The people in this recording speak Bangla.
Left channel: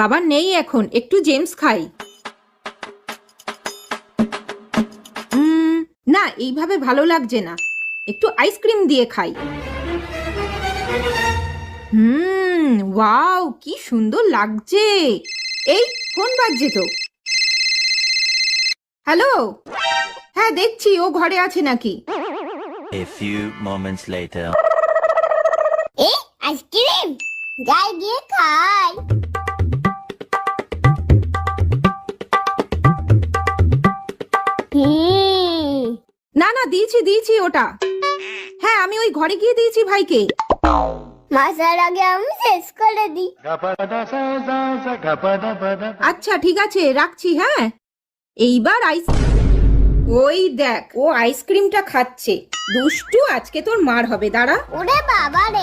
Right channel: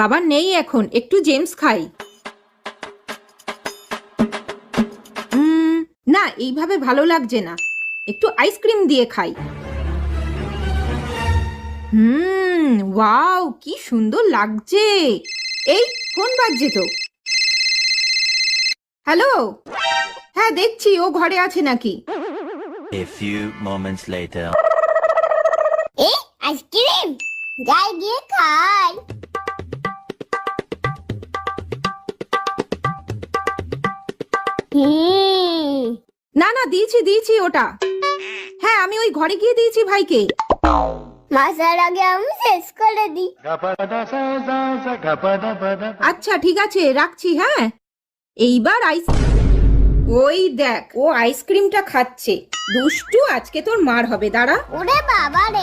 বাবা নেই এখন, একটু জেমস খাই। না, এইভাবে ভালো লাগছে না, একটু আইসক্রিম দিয়ে খাই। ওয়াও, কি সুন্দর লাগছে। এই ফোন বাজছে তো। হ্যালো। হ্যাঁ, দেখছি ও ঘরে আছে নাকি। A few moments later. এই আইসক্রিম যাই গিয়ে খাই। না না, দিয়েছি দিয়েছি ওটা। হ্যাঁ, আমি ওই ঘরে গিয়ে দিয়েছি ভাইকে। মাসার আগে আমি শেষ করে দিই। আচ্ছা ঠিক আছে, রাখছি। হ্যাঁ, এইবার আইসক্রিম। ওই দেখ, ও আইসক্রিমটা খাচ্ছে। দুষ্টু, আজকে তোর মার হবে, দাঁড়া। ওরে বাবা রে।